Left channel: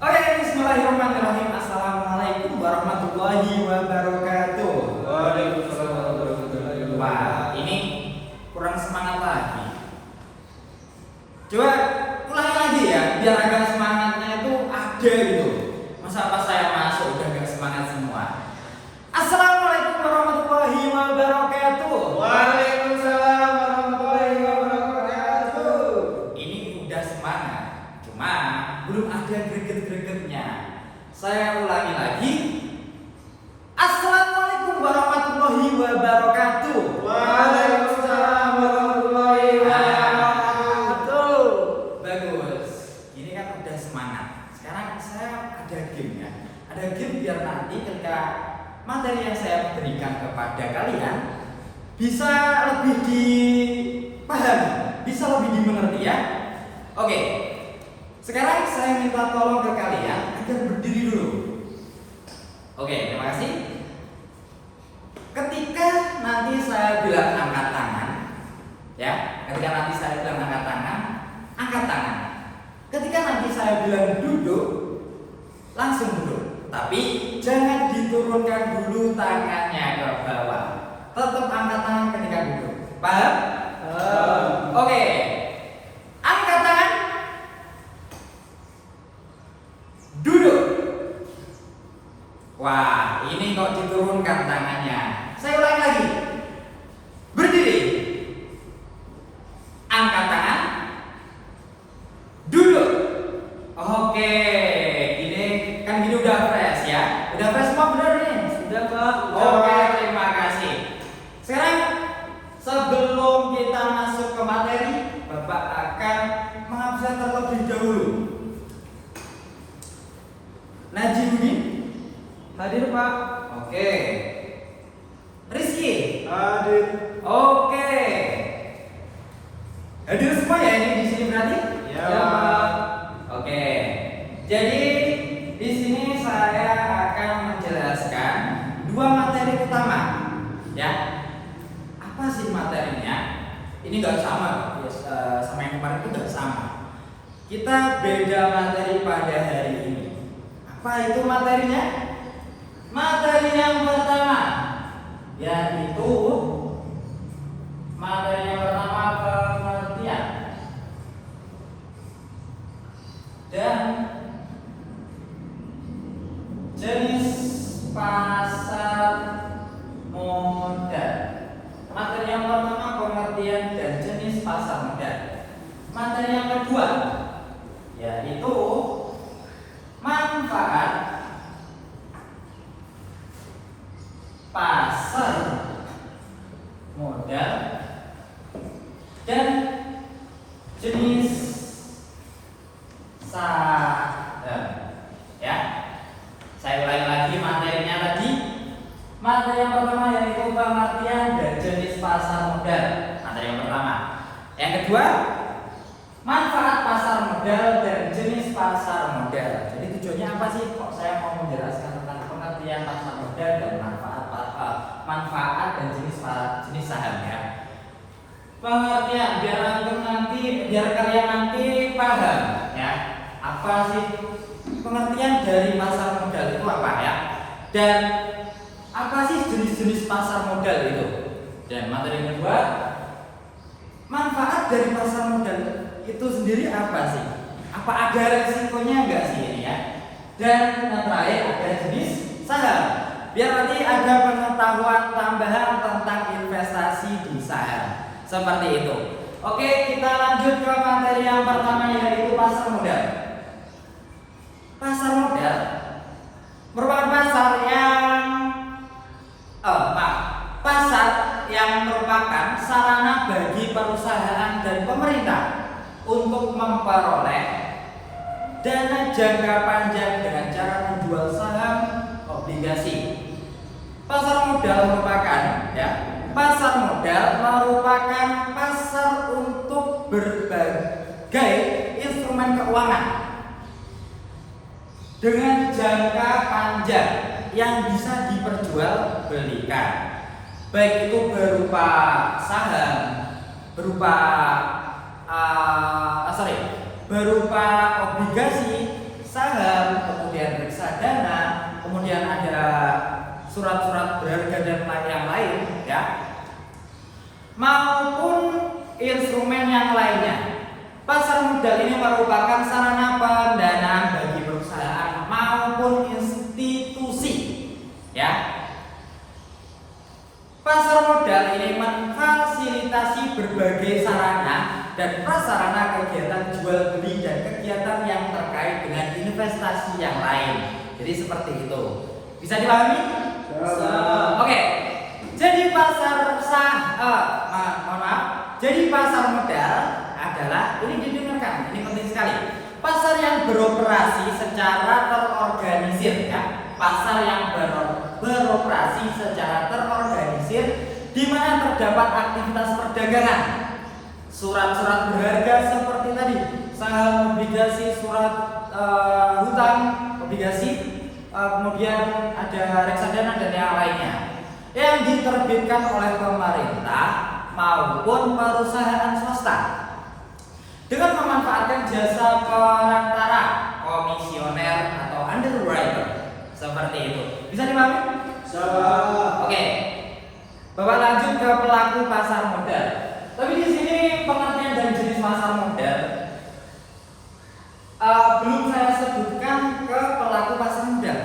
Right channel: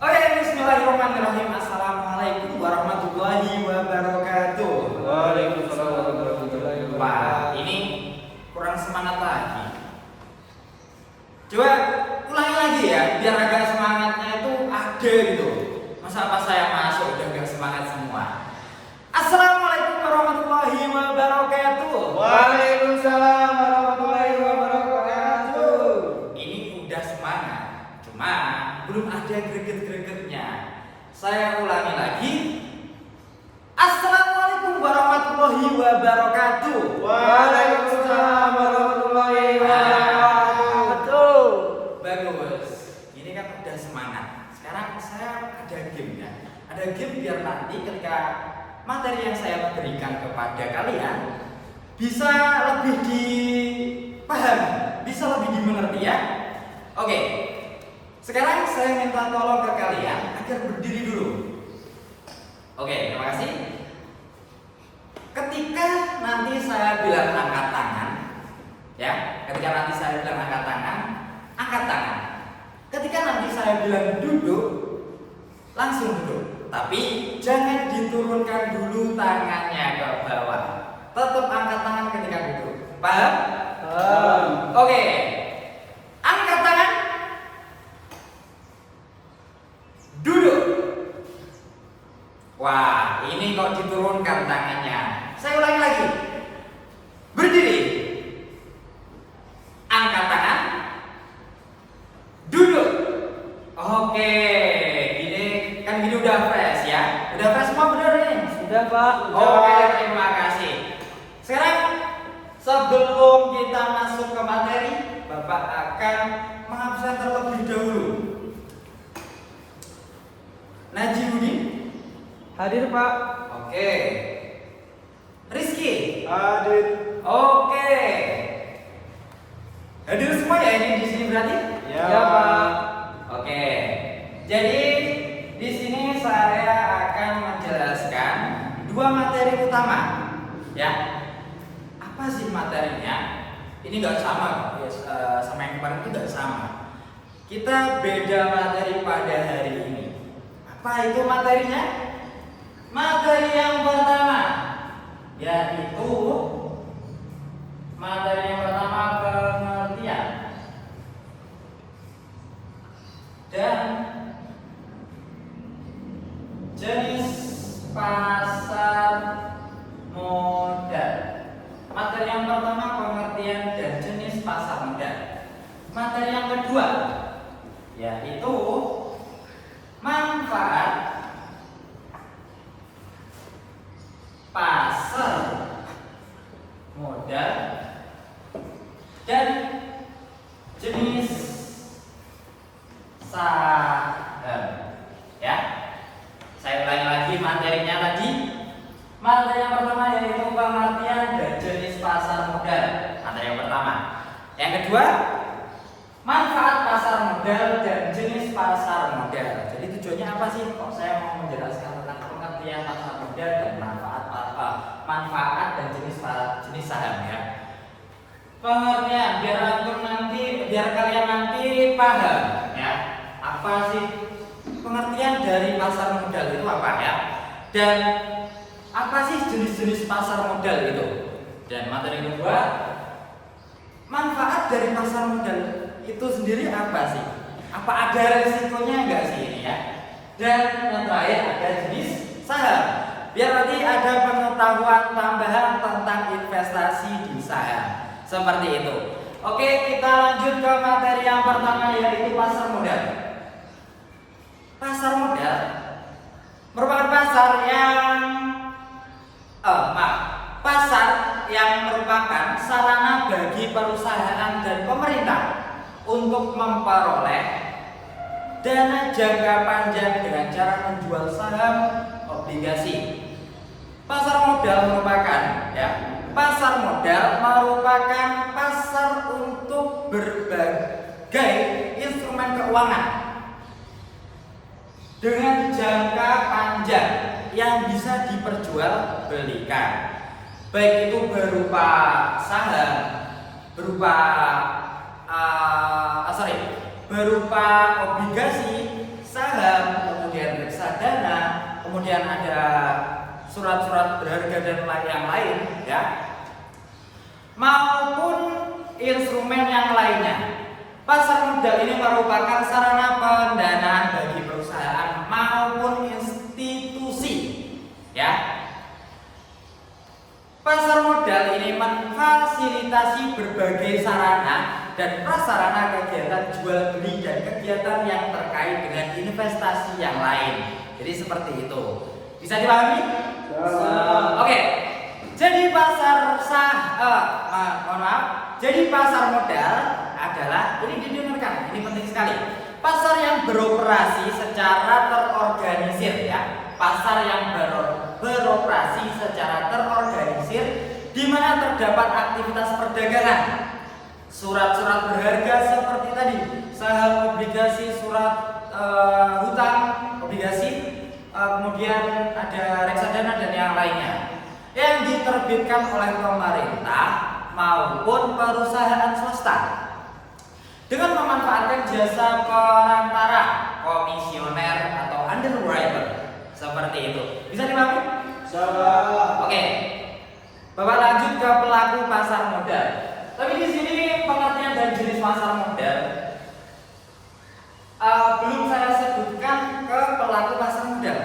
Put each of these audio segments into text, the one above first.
Oke, bismillahirrahmanirrahim. Assalamualaikum warahmatullahi wabarakatuh. Waalaikumsalam warahmatullahi wabarakatuh. Wah, ini kurang semangat lagi. Coba ulangi lagi ya, biar agak semangatnya itu ada gitu. Masa pas saya masuk udah gak semangat semua. Assalamualaikum warahmatullahi wabarakatuh. Waalaikumsalam warahmatullahi wabarakatuh. Ini udah semangat, cuma belum ada greget-gregetnya. Saya ulangi lagi. Assalamualaikum warahmatullahi wabarakatuh. Waalaikumsalam warahmatullahi wabarakatuh. Bagus. Ini kan udah semangat. Sekarang saya ada game ya. Ada game biar nanti ketika materi yang saya berikan kepada kalian bisa lebih dipahami, bisa lebih dimengerti ya. Oke. Sekarang saya minta tolong ke kalian agar berdiri dulu. Oke, terima kasih. Ketika nanti saya bilang angkat tangan, ya, ketika nanti saya bilang angkat tangan, angkat tangan. Ketika nanti saya bilang duduk, langsung duduk. Tapi jangan diturunkan dulu tangannya ke bawah. Tetap angkat tangan ketika duduk. Paham? Oke. Angkat tangan. Duduk. Wah, ini kok diturunkan tangannya. Saya ulangi lagi. Berdiri. Angkat tangan. Duduk. Oke, ini kan gini udah fresh ya. Udah fresh semua benar nih? Sudah, Pak. Oke, terima kasih. Sekarang sebelum kita masuk ke materi, Bapak akan mengabsen terlebih dahulu. Najibudin Hadir, Pak. oke. Rizky Hadir. oke. Hadir semua ya ini di sini berarti? Ya, Pak. Oke. Jadi di sini saya akan menjelaskan dua materi utama. Ya. Apa sih materinya? Ini nggak sama, sama yang kemarin itu nggak sama. Kita beda materi pada hari ini. Apa itu materinya? Materi yang pertama yaitu materi yang pertama pengertian dan jenis pasar modal. Materi yang pertama pengertian dan jenis pasar modal. Materi yang kedua yaitu manfaat pasar modal dan jenis saham. Ya, saya ulangi lagi materinya tadi. Materi yang pertama yaitu pengertian dan jenis pasar modal. Materi yang pertama. Yang kedua, manfaat pasar modal dan jenis pasar modal. Jadi tujuannya apa sih? Kok saya mau menjelaskan tentang pengertian pasar modal dan manfaat dan jenis saham ya. Pengertian biar kalian nanti paham ya. Apa sih pengertian dari pasar modal itu apa ya? Dan apa sih jenis-jenis pasar modal itu? Dan materi kedua, manfaat dari pasar modal itu sendiri apa sih? Apa ada resikonya enggak sih ini ya? Dan yang terakhir ada jenis saham. Biar nanti ada pengetahuan tambahan tentang investasi di saham. Seperti itu. Oke, kita lanjut ke materi yang pertama yaitu pasar modal. Pasar modal merupakan pasar yang merupakan sarana bagi perusahaan dan pemerintah untuk memperoleh dana jangka panjang dengan cara menjual saham, obligasi. Pasar modal merupakan pasar untuk berbagai instrumen keuangan dengan jangka panjang yang bisa diperjualbelikan, baik itu berupa saham, berupa obligasi, saham, kemudian reksadana, kemudian ada surat-surat berharga dan yang lain, ya, maupun instrumen yang lainnya. Pasar modal ini merupakan sarana pendanaan bagi perusahaan maupun institusi, ya. Pasar modal ini memfasilitasi berbagai sarana dan prasarana kegiatan jual beli dan kegiatan yang terkait dengan investasi yang lain. Jadi seperti itu. Bisa dipahami? Oke. Jadi pasar Jadi pasar modal adalah, ini didengarkan, ini penting sekali. Pasar yang beroperasi secara terorganisir, ya. Pasar yang beroperasi secara terorganisir di mana terdapat aktivitas perdagangan. Surat-surat berharga seperti tadi, saham, obligasi, surat hutang, obligasi, kemudian ada reksadana dan yang lainnya yang diterbitkan oleh pemerintah maupun perusahaan swasta dengan memanfaatkan jasa perantara, komisioner atau underwriter seperti itu. Bisa dipahami? Oke. Bapak lanjut ke pelaku pasar modal. Tapi di sini pengertian dan jenis pasar modal belum saya sebutkan ke pelaku pasar modal.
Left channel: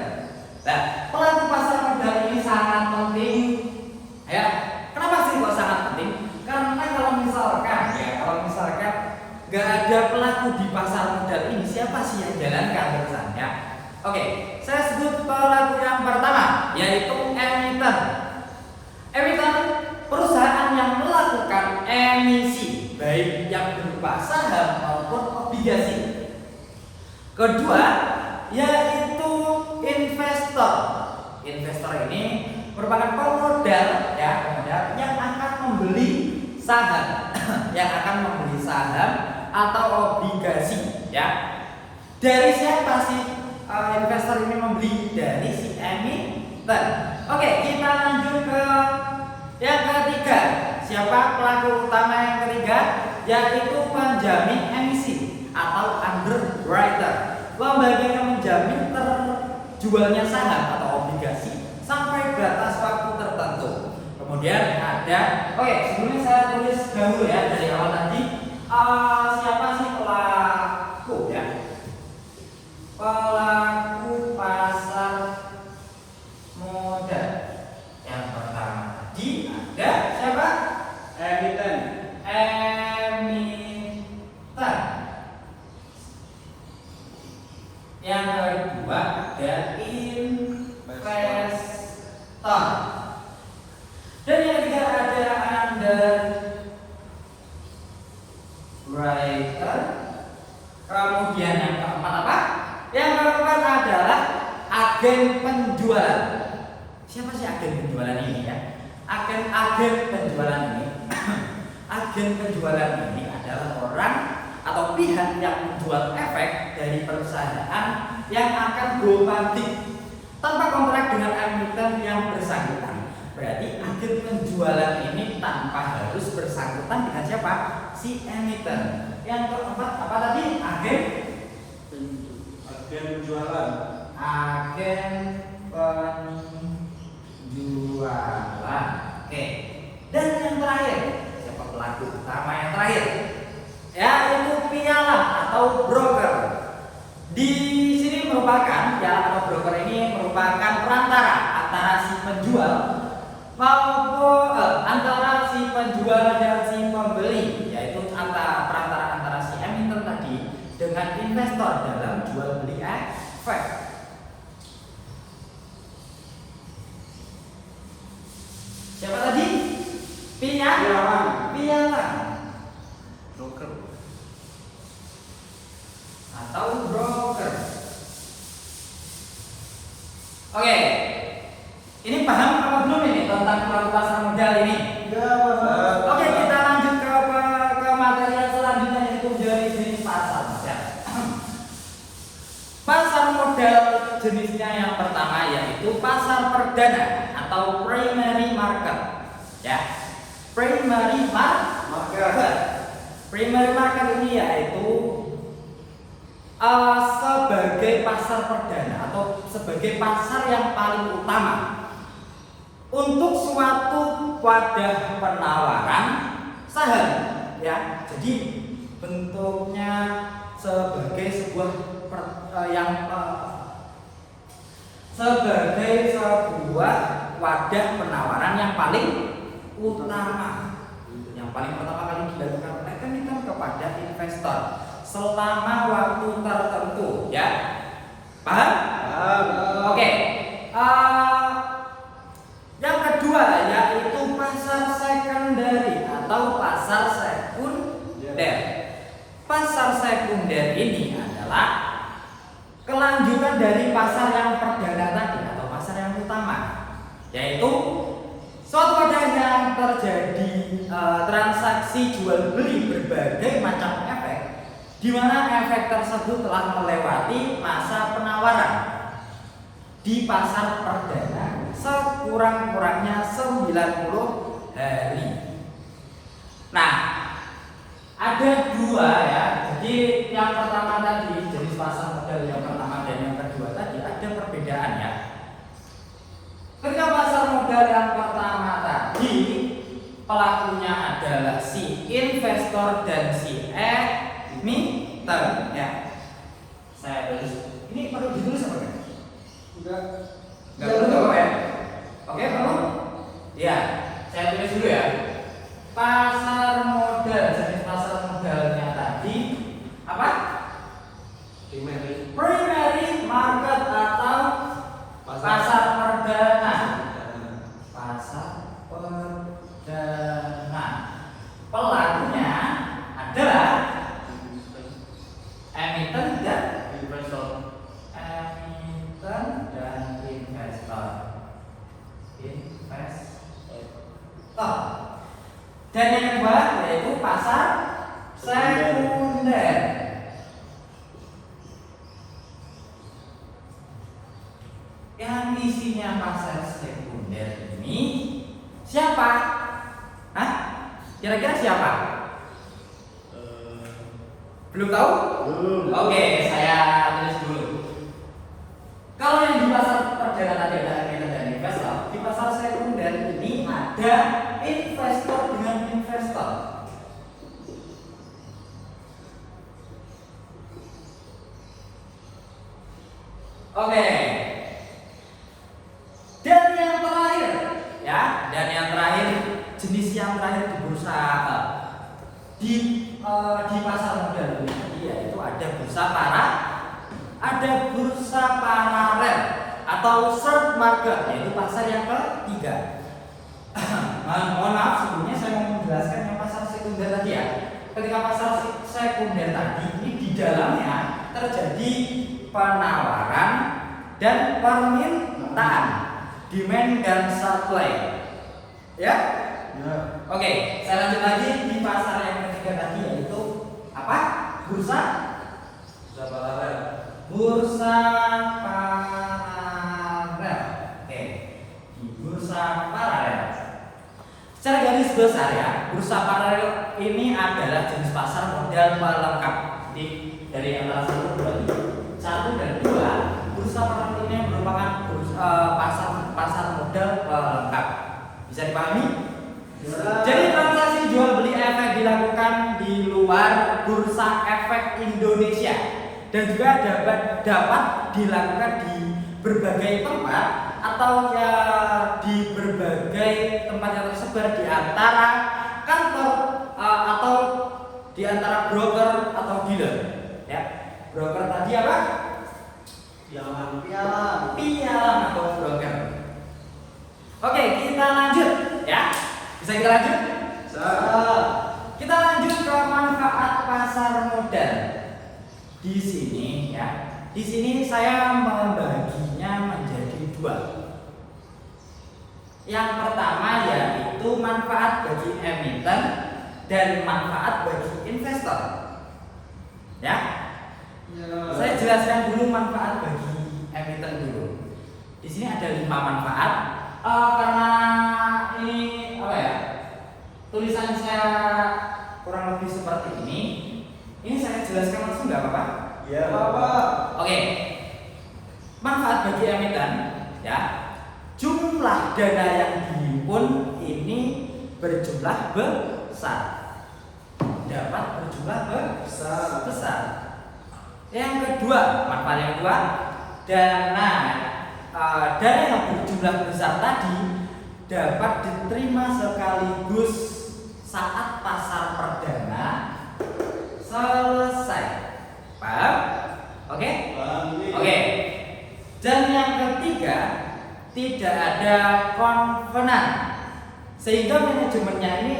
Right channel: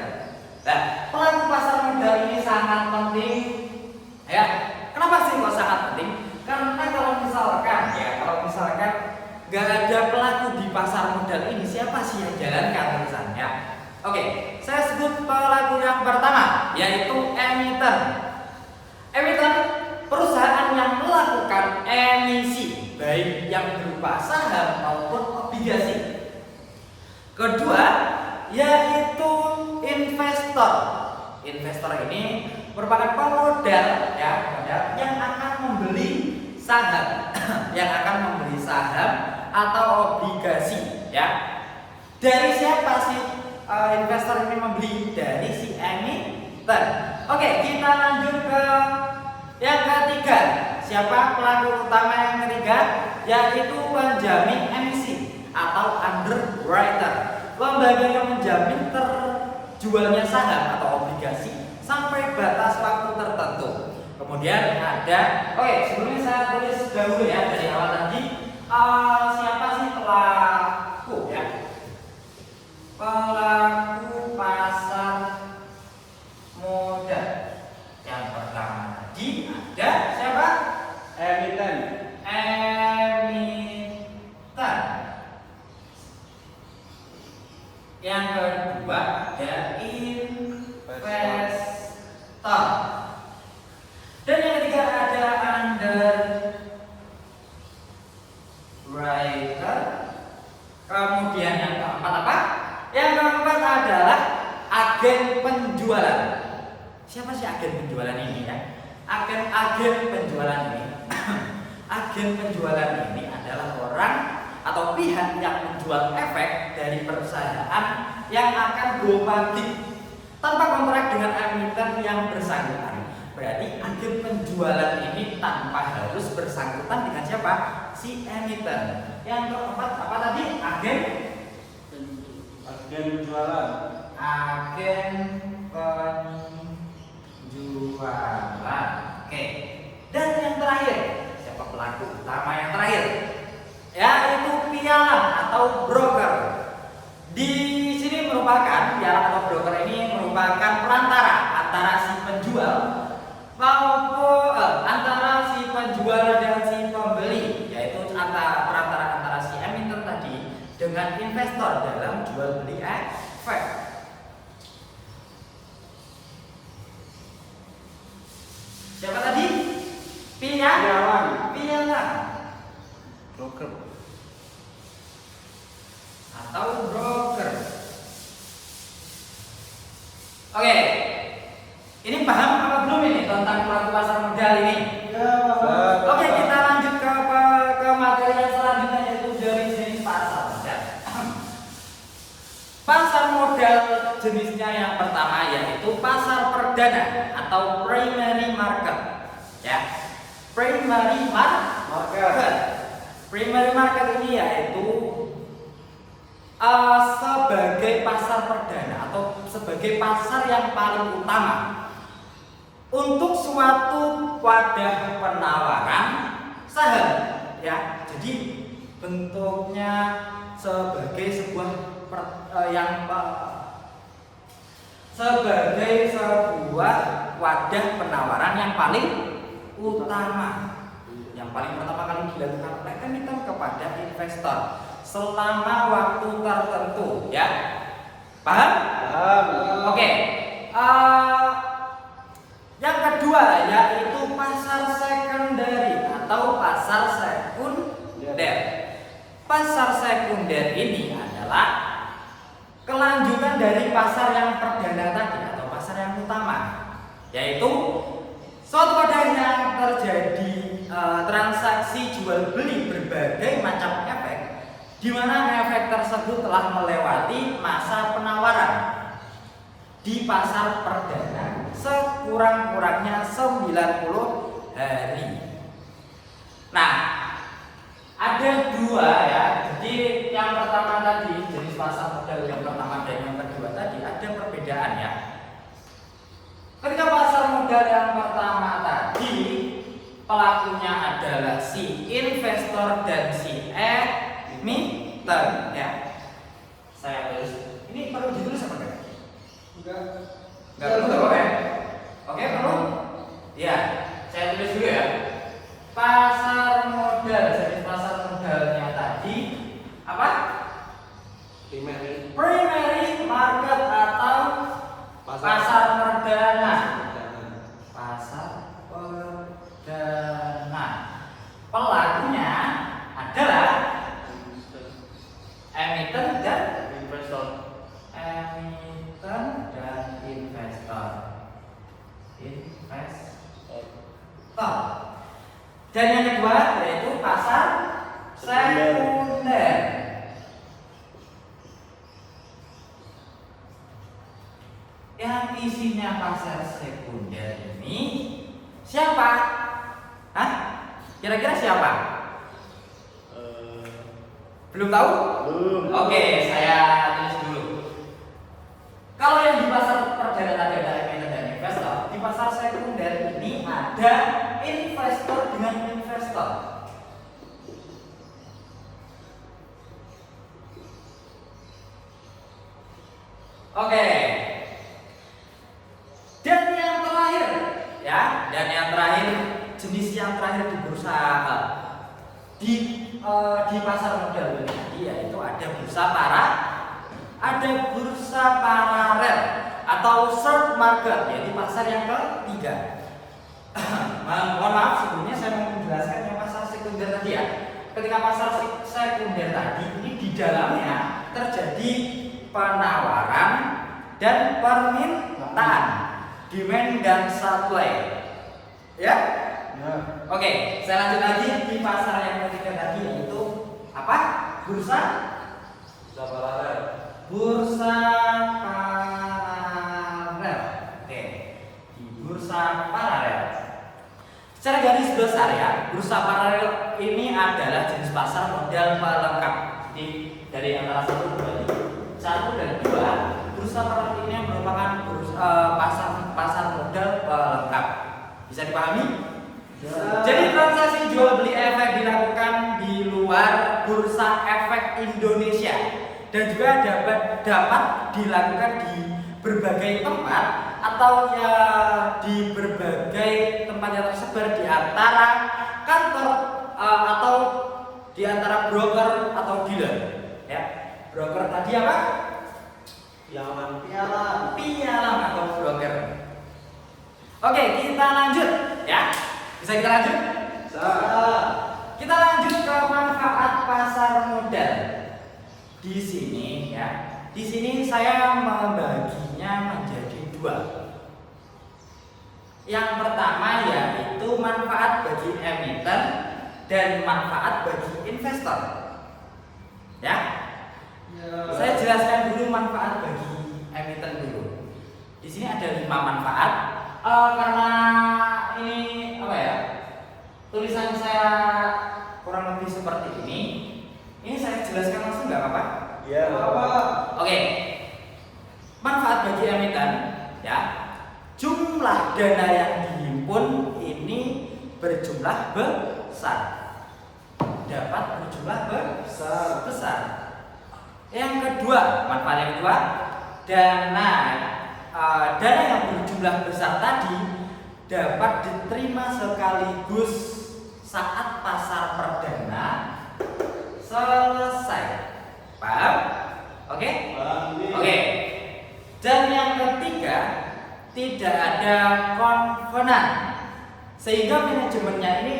Nah, pelaku pasar modal ini sangat penting, ya. Kenapa sih kok sangat penting? Karena kalau misalkan gak ada pelaku di pasar modal ini, siapa sih yang jalankan perusahaannya? Oke, saya sebut pelaku yang pertama, yaitu emiten. Emiten perusahaan yang melakukan emisi, baik yang berupa saham maupun obligasi. Kedua, yaitu investor. Investor ini merupakan pemodal, ya, yang akan membeli saham, atau obligasi, ya. Dari siapa sih investor ini membeli? Dari si emiten. Oke, kita lanjut ke yang ketiga. Siapa pelaku utama yang ketiga? Yaitu penjamin emisi atau underwriter. Lembaga yang menjamin terjualnya saham atau obligasi sampai batas waktu tertentu. Kemudian ada, sebelumnya saya tulis dahulu, ya, dari awal tadi, siapa sih pelaku, ya? Pelaku pasar modal. Yang pertama tadi ada siapa? Emiten. Yang kedua ada investor. Dan yang ketiga ada underwriter. Kemudian yang keempat apa? Yang keempat adalah agen penjualan. Siapa sih agen penjualan ini, ya? Agen penjualan ini agen penjualan ini adalah orang atau pihak yang menjual efek dari perusahaan yang akan go public tanpa kontrak dengan emiten yang bersangkutan. Berarti agen penjualan ini tanpa harus bersangkutan dengan siapa? Si emiten. Yang keempat apa tadi? Agen penjualan. Agen penjualan. Oke. Dan yang terakhir, siapa pelaku utama yang terakhir? Yaitu pialang atau broker. Di sini merupakan pialang atau broker ini merupakan perantara antara si penjual maupun antara si penjual dan si pembeli, yaitu perantara antara si emiten tadi dengan investor dalam jual beli efek. Siapa tadi? Pialang. Broker atau broker. Oke. Ini paham apa belum ini tentang pelaku pasar modal ini? Oke, kita lanjut ke materi yang selanjutnya, yaitu jenis pasar modal. Pasar modal jenisnya yang pertama yaitu pasar perdana atau primary market, ya. Primary market. Primary market ini yaitu sebagai pasar perdana atau sebagai pasar yang paling utama untuk suatu wadah penawaran saham, ya. Jadi bentuknya sebagai sebuah sebagai sebuah wadah penawaran yang paling utama, yang paling pertama kali dilakukan oleh emiten kepada investor selama waktu tertentu, ya. Paham? Oke. Yang kedua yaitu pasar secondary atau pasar sekunder. Pasar sekunder ini adalah kelanjutan dari pasar yang perdana tadi atau pasar yang utama, yaitu suatu wadah yang terjadi transaksi jual beli berbagai macam efek, di mana efek tersebut telah melewati masa penawaran di pasar perdana sekurang-kurangnya 90 hari. Nah, ada dua, ya. Jadi yang pertama tadi jenis pasar modal yang pertama dan yang kedua tadi ada perbedaan, ya. Ketika pasar modal yang pertama tadi pelakunya adalah si investor dan si emiten, ya. Saya tulis. Ini perlu ditulis apa kan? Enggak perlu apa ya? Oke, perlu? Ya, saya tulis dulu, ya. Pasar modal, jenis pasar modalnya tadi apa? Primary market atau pasar perdana. Pasar perdana. Pelakunya adalah emiten dan investor. Emiten dan investor. Dan yang kedua yaitu pasar sekunder. Yang isinya pasar sekunder ini siapa? Hah? Kira-kira siapa? Belum tahu? Oke, saya tulis dulu. Kalau yang di pasar perdana tadi ada emiten dan investor, di pasar sekunder ini ada investor dengan investor. Oke. Dan yang terakhir, ya, dan yang terakhir jenis yang terakhir di bursa di pasar modal ini tadi yaitu ada bursa paralel atau third market, yaitu pasar yang ketiga. Mohon maaf sebelumnya saya mau menjelaskan yang pasar sekunder tadi, ya. Ketika pasar sekunder tadi ini di dalamnya terjadi penawaran dan permintaan, demand dan supply, ya. Oke, saya lanjut lagi di pasar yang ketiga tadi yaitu apa? Bursa paralel. Bursa paralel. Oke, di bursa paralel. Secara garis besar, ya, bursa paralel ini adalah jenis pasar modal pelengkap. Jadi dari antara satu dan dua, bursa paralel ini merupakan pasar modal pelengkap. Bisa dipahami? Jadi transaksi jual beli efek dilakukan di luar bursa efek Indonesia dan juga dapat dilakukan di berbagai tempat atau ya di berbagai tempat yang tersebar di antara kantor atau di antara broker atau dealer, ya. Broker tadi apa? Pialang atau broker. Oke, kita lanjut, ya. Bisa kita lanjut? Kita lanjut ke manfaat pasar modal. Di sini, ya. Di sini saya membaginya menjadi dua. Yang pertama yaitu manfaat bagi emiten dan manfaat bagi investor. Ya. Saya jelaskan dulu manfaat bagi emiten dulu. Di sini ada 5 manfaat. Karena ini apa ya? Tulisan saya kurang lebih seperti ini. Ini saya jelaskan langsung nggak apa-apa? Ya, Bapak. Oke. Manfaat bagi emiten, ya. Jumlah dana yang dihimpun ini berjumlah besar. Dapat berjumlah besar. Yang kedua, manfaat yang kedua, dana yang berjumlah besar tadi dapat diterima sekaligus saat pasar perdana selesai. Paham? Oke? Oke. Dan yang ketiga, tidak ada konvenan, sehingga manajemennya ini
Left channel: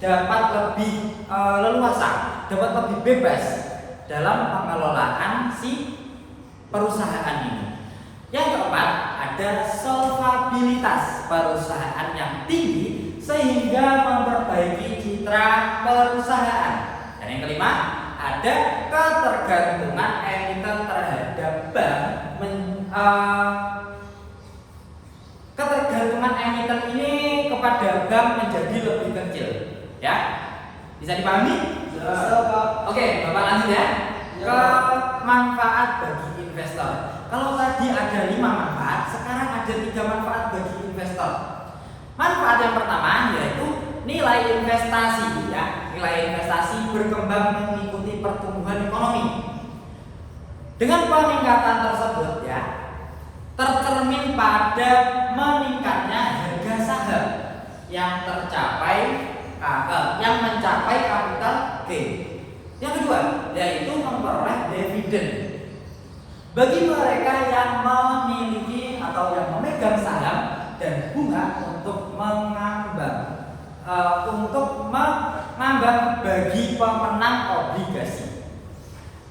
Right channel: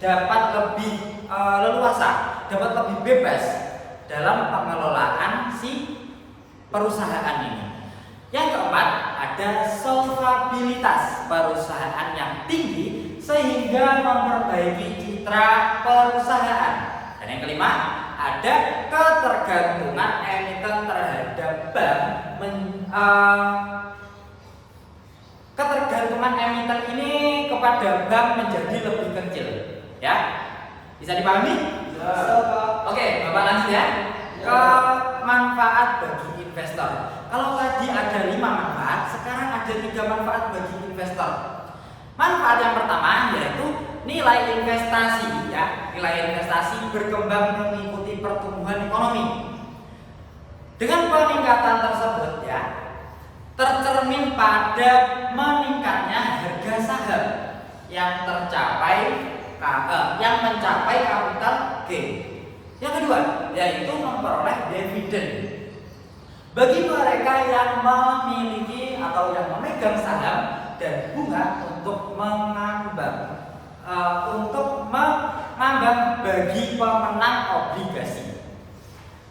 dapat lebih leluasa, dapat lebih bebas dalam pengelolaan si perusahaan ini. Yang keempat, ada solvabilitas perusahaan yang tinggi sehingga memperbaiki citra perusahaan. Dan yang kelima, ada ketergantungan emiten terhadap bank. Ketergantungan emiten ini kepada bank menjadi lebih kecil, ya. Bisa dipahami? Ya. Oke, Bapak lanjut ya. Ke manfaat bagi investor. Kalau tadi ada 5 manfaat, sekarang ada 3 manfaat bagi investor. Manfaat yang pertama yaitu nilai investasi, ya. Nilai investasi berkembang mengikuti pertumbuhan ekonomi. Dengan peningkatan tersebut, ya, tercermin pada meningkatnya harga saham yang mencapai capital gain. Yang kedua, yaitu memperoleh dividen. Bagi mereka yang memiliki atau yang memegang saham dan bunga untuk mengambang bagi pemenang obligasi.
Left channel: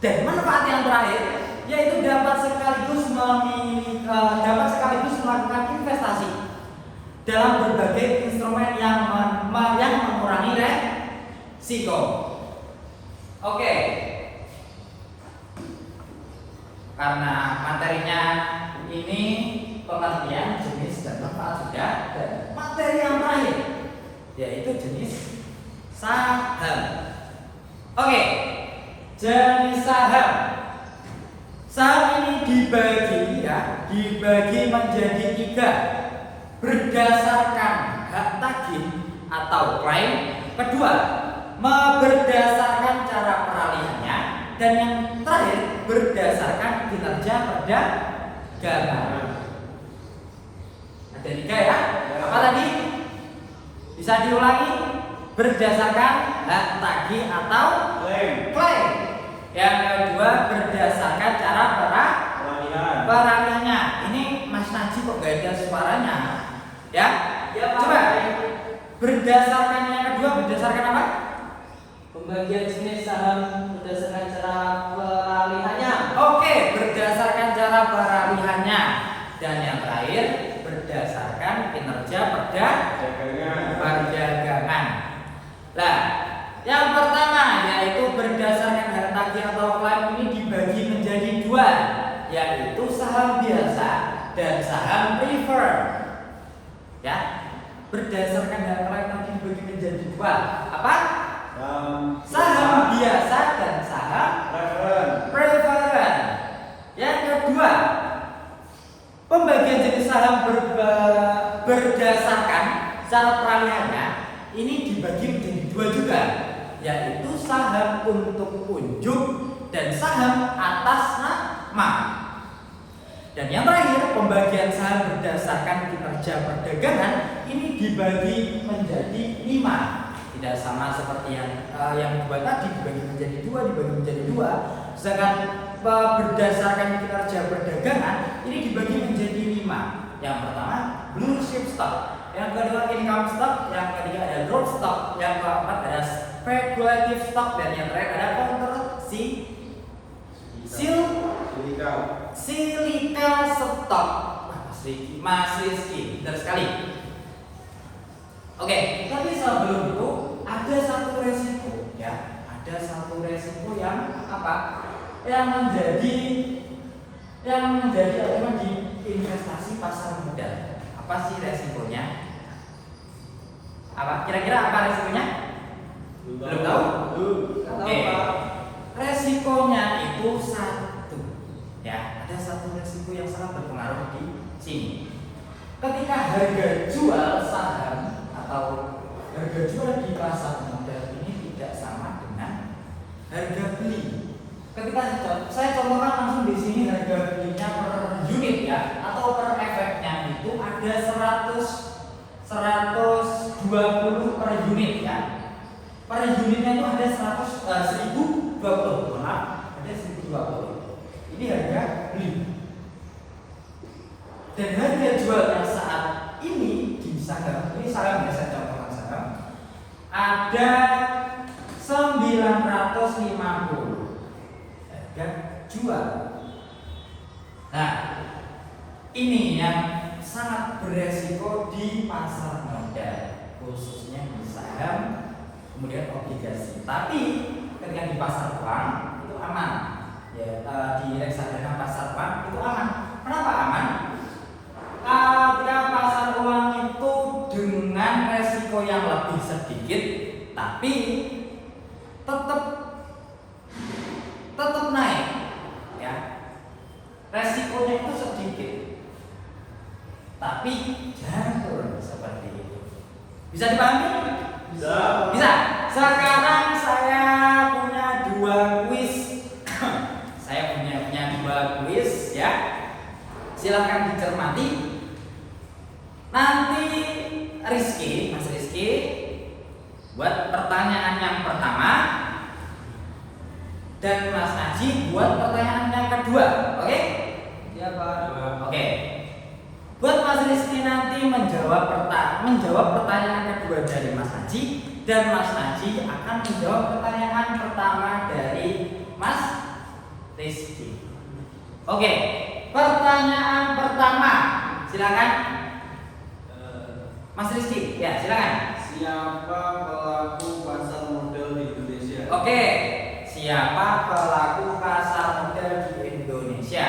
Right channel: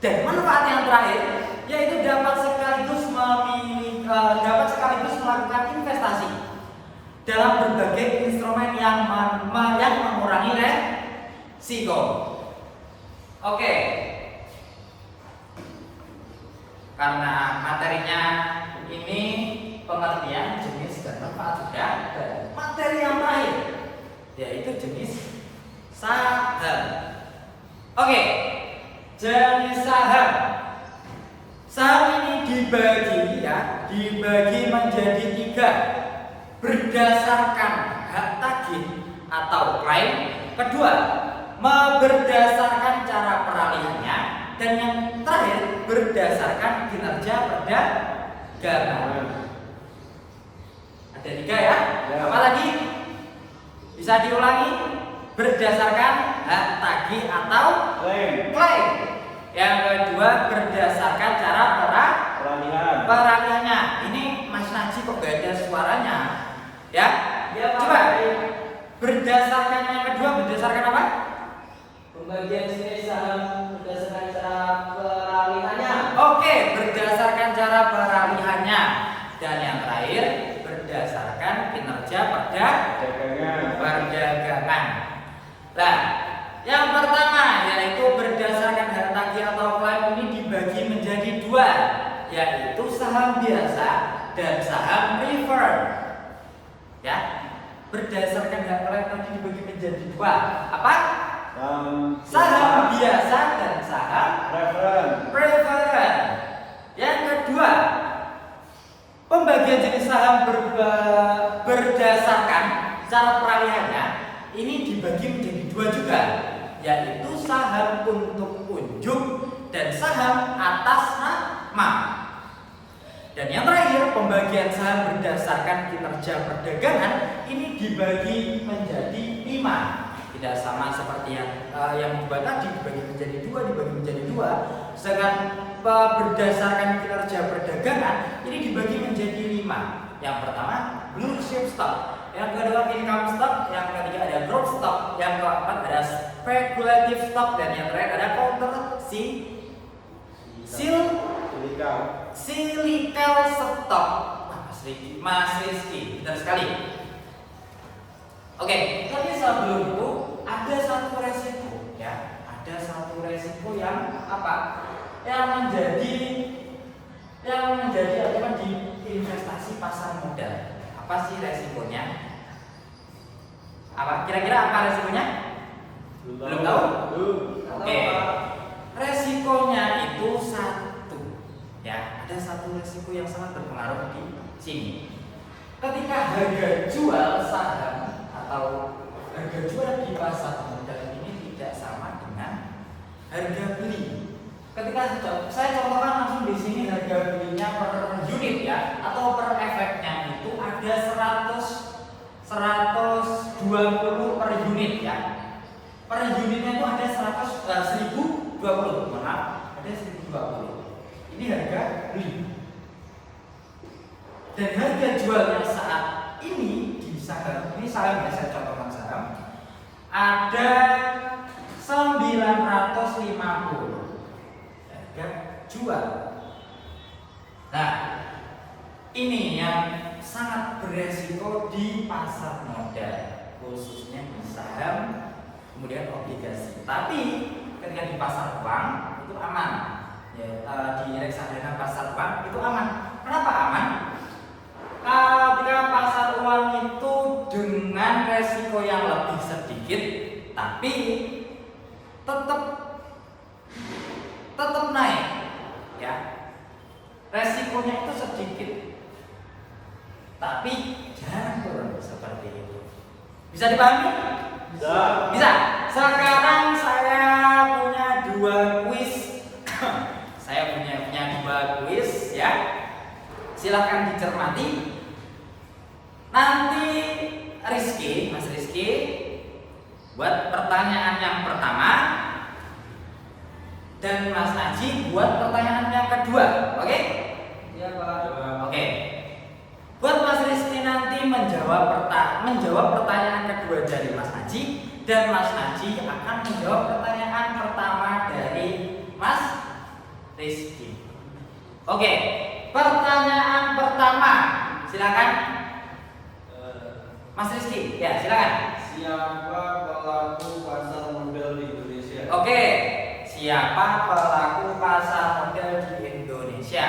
Dan manfaat yang terakhir yaitu dapat sekaligus melakukan investasi dalam berbagai instrumen yang mengurangi resiko. Oke. Karena materinya ini pengertian jenis dan manfaat sudah, dan materi yang terakhir yaitu jenis saham. Oke, jenis saham. Saham ini dibagi menjadi 3 berdasarkan hak tagih atau klaim. Kedua, berdasarkan cara peralihannya, dan yang terakhir berdasarkan kinerja perdagangan. Ada 3 ya. Apa tadi? Bisa diulangi? Berdasarkan hak tagih atau klaim. Yang kedua berdasarkan cara peralihannya. Ini Mas Najib kok gak ada suaranya, ya? Coba berdasarkan yang kedua, berdasarkan apa? Pembagian jenis saham berdasarkan cara peralihannya. Oke, berdasarkan cara peralihannya. Dan yang terakhir berdasarkan kinerja perdagangan. Nah, yang pertama yaitu berdasarkan hak tagih atau klaim ini dibagi menjadi 2, yaitu saham biasa dan saham preferred. Ya, berdasarkan hak klaim tadi dibagi menjadi 2. Apa? Saham biasa dan saham preferred. Yang kedua, pembagian jenis saham berdasarkan cara peralihannya ini dibagi menjadi 2 juga, yaitu saham untuk unjuk dan saham atas nama. Dan yang terakhir, pembagian saham berdasarkan kinerja perdagangan ini dibagi menjadi 5. Tidak sama seperti yang dua tadi, dibagi menjadi 2. Sedangkan berdasarkan kinerja perdagangan ini dibagi menjadi 5. Yang pertama blue chip stock, yang kedua income stock, yang ketiga ada growth stock, yang keempat ada speculative stock, dan yang terakhir ada counter cyclical stock. Mas Rizky, benar sekali. Oke, tapi sebelum itu ada satu resiko, ya. Ada satu resiko yang apa? Yang menjadi elemen di investasi pasar modal. Apa sih resikonya? Apa? Kira-kira apa resikonya? Belum tahu? Oke. Resikonya itu 1 resiko yang sangat berpengaruh di sini. Ketika harga jual saham atau harga jual di pasar modal ini tidak sama dengan harga beli. Ketika saya contohkan langsung di sini harga belinya per unit ya, atau per efeknya itu ada 120 per unit ya. Per unitnya itu ada 1020, maaf, ada 1020. Ini harga beli. Dan harga jual yang saat ini di saham, ini saham ya, saya contohkan saham, ada 950 harga jual. Nah, ini yang sangat beresiko di pasar modal, khususnya di saham, kemudian obligasi. Tapi ketika di pasar uang itu aman, ya, di reksadana pasar uang itu aman. Kenapa aman? Ketika pasar uang itu dengan resiko yang lebih sedikit, tapi tetap naik, ya. Resikonya itu sedikit, tapi jangan turun seperti itu. Bisa dipahami? Bisa. Bisa. Sekarang saya punya 2 kuis. Saya punya 2 kuis, ya. Silahkan dicermati. Nanti Mas Rizky buat pertanyaan yang pertama, dan Mas Haji buat pertanyaan yang kedua, oke? Ya, Pak. Oke. Buat Mas Rizky nanti menjawab pertanyaan kedua dari Mas Haji, dan Mas Haji akan menjawab pertanyaan pertama dari Mas Rizky. Oke. Pertanyaan pertama, silakan. Mas Rizky, ya silakan. Siapa pelaku pasar modal di Indonesia? Oke. Siapa pelaku pasar modal di Indonesia?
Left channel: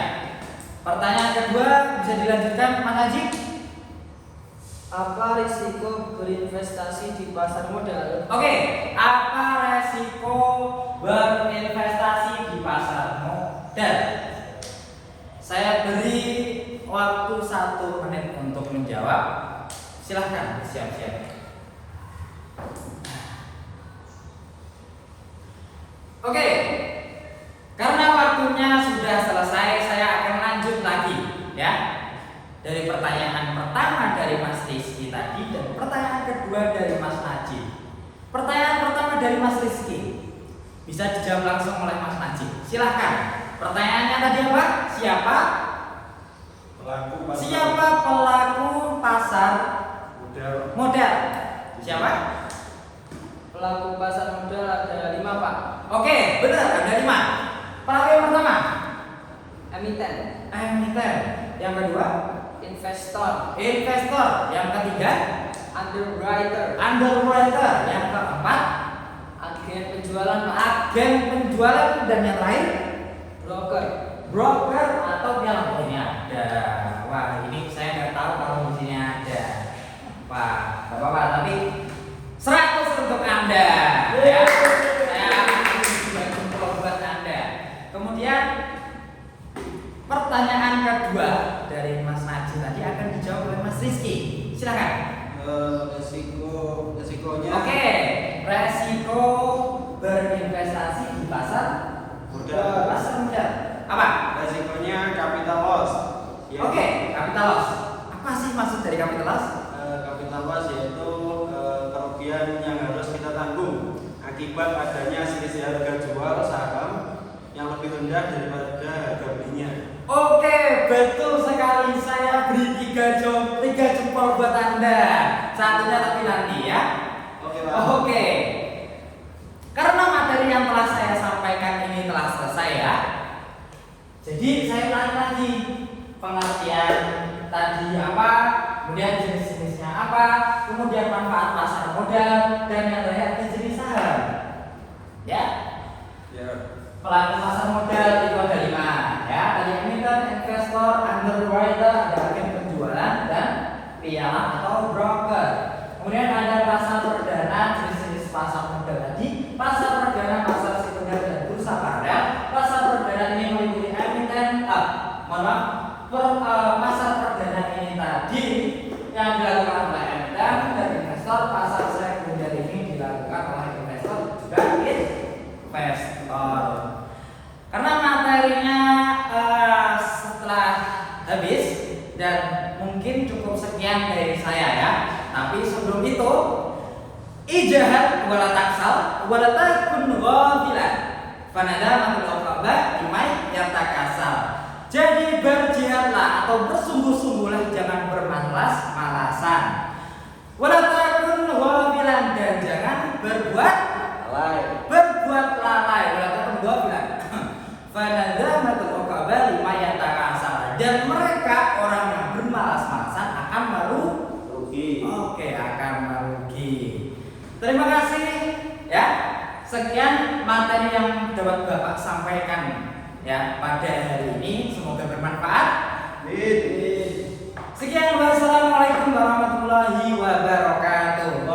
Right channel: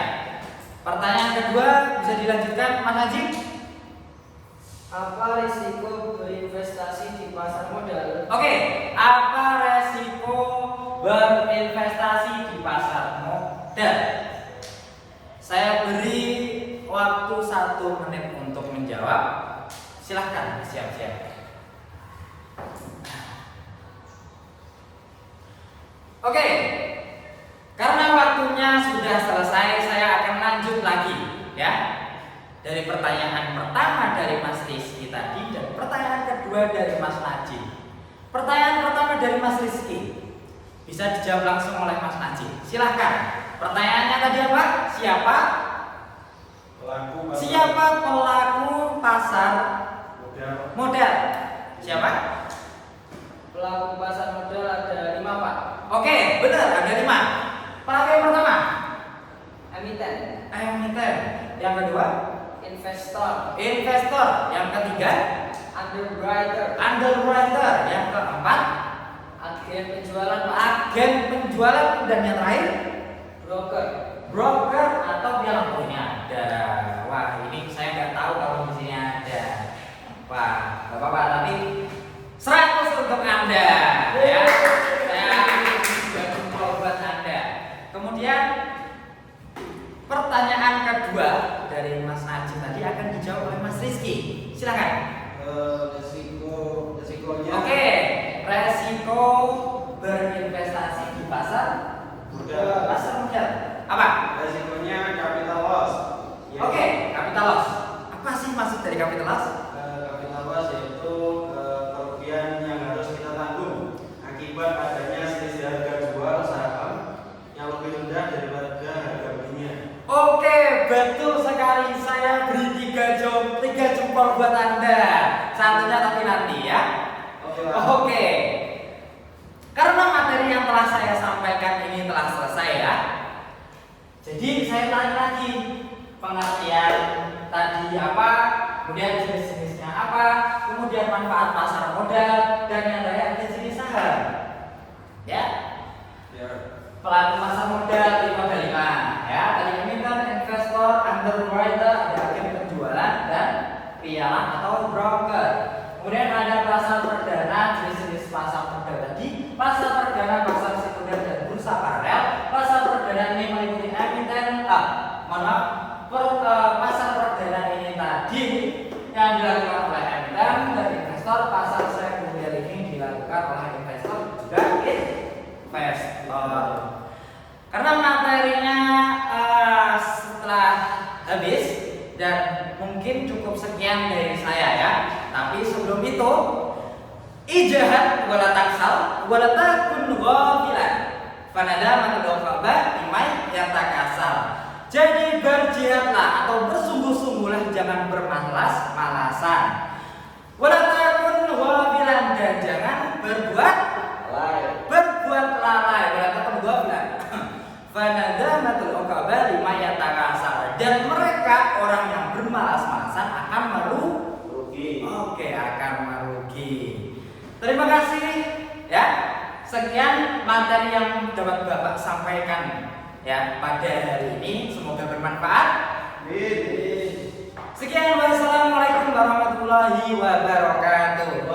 Pertanyaan kedua bisa dilanjutkan, Mas Haji. Apa risiko berinvestasi di pasar modal? Oke, apa resiko berinvestasi di pasar modal? Saya beri waktu 1 menit untuk menjawab. Silahkan siap-siap. Oke, karena waktunya sudah selesai, saya akan lanjut lagi, ya. Dari pertanyaan pertama dari Mas Rizky tadi dan pertanyaan kedua dari Mas Najib. Pertanyaan pertama dari Mas Rizky bisa dijawab langsung oleh Mas Najib. Silahkan. Pertanyaannya tadi apa? Siapa pelaku pasar modal? Siapa? Pelaku pasar modal ada 5, Pak. Oke, benar, ada 5. Pelaku yang pertama? Emiten. Yang kedua? Investor. Yang ketiga? Underwriter. Yang keempat? Agen penjualan. Dan yang terakhir? Broker atau pialang. Oh, ini ada. Wah, ini saya nggak tahu kalau di sini ada. Wah, Bapak-bapak, tapi 100 untuk Anda, ya. Saya juga jempol buat Anda. Kemudian pertanyaan kedua dari Mas Najib tadi akan dijawab oleh Mas Rizky. Silakan. Resikonya. Oke, resiko berinvestasi di pasar modal. Apa? Resikonya capital loss. Ya. Oke, capital loss. Apa sih maksud dari capital loss? Capital loss yaitu kerugian yang harus kita tanggung akibat adanya selisih harga jual saham yang lebih rendah daripada harga belinya. Oke, betul sekali. Saya beri 3 jempol buat Anda. Satunya tapi nanti, ya. Oke. Karena materi yang telah saya sampaikan ini telah selesai, ya. Jadi saya ulangi lagi pengertian tadi apa, kemudian jenis-jenisnya apa, kemudian manfaat pasar modal, dan yang terakhir jenis saham. Ya. Pelaku pasar modal itu ada 5, ya. Tadi emiten, investor, underwriter, ada agen penjualan, dan pialang atau broker. Kemudian ada pasar perdana, jenis-jenis pasar modal tadi, pasar perdana, pasar sekunder, dan bursa paralel. Pasar perdana ini meliputi emiten, pasar perdana ini tadi yang dilakukan oleh MDM dan investor, pasar sekunder ini dilakukan oleh investor juga investor. Karena materinya setelah habis dan mungkin cukup sekian dari saya ya. Tapi sebelum itu, ijahat wala taksal wala takun ghafilan. Fanadamatul uqaba imai yatakasal. Jadi berjihadlah atau bersungguh-sungguhlah, jangan bermalas-malasan. Wala takun ghafilan, dan jangan berbuat lalai. Wala takun ghafilan. Fanadamatul uqaba imai yatakasal. Dan mereka orang yang bermalas-malasan akan merugi. Akan merugi. Terima kasih ya. Sekian materi yang dapat Bapak sampaikan ya pada hari ini, semoga bermanfaat. Sekian, wassalamualaikum warahmatullahi wabarakatuh.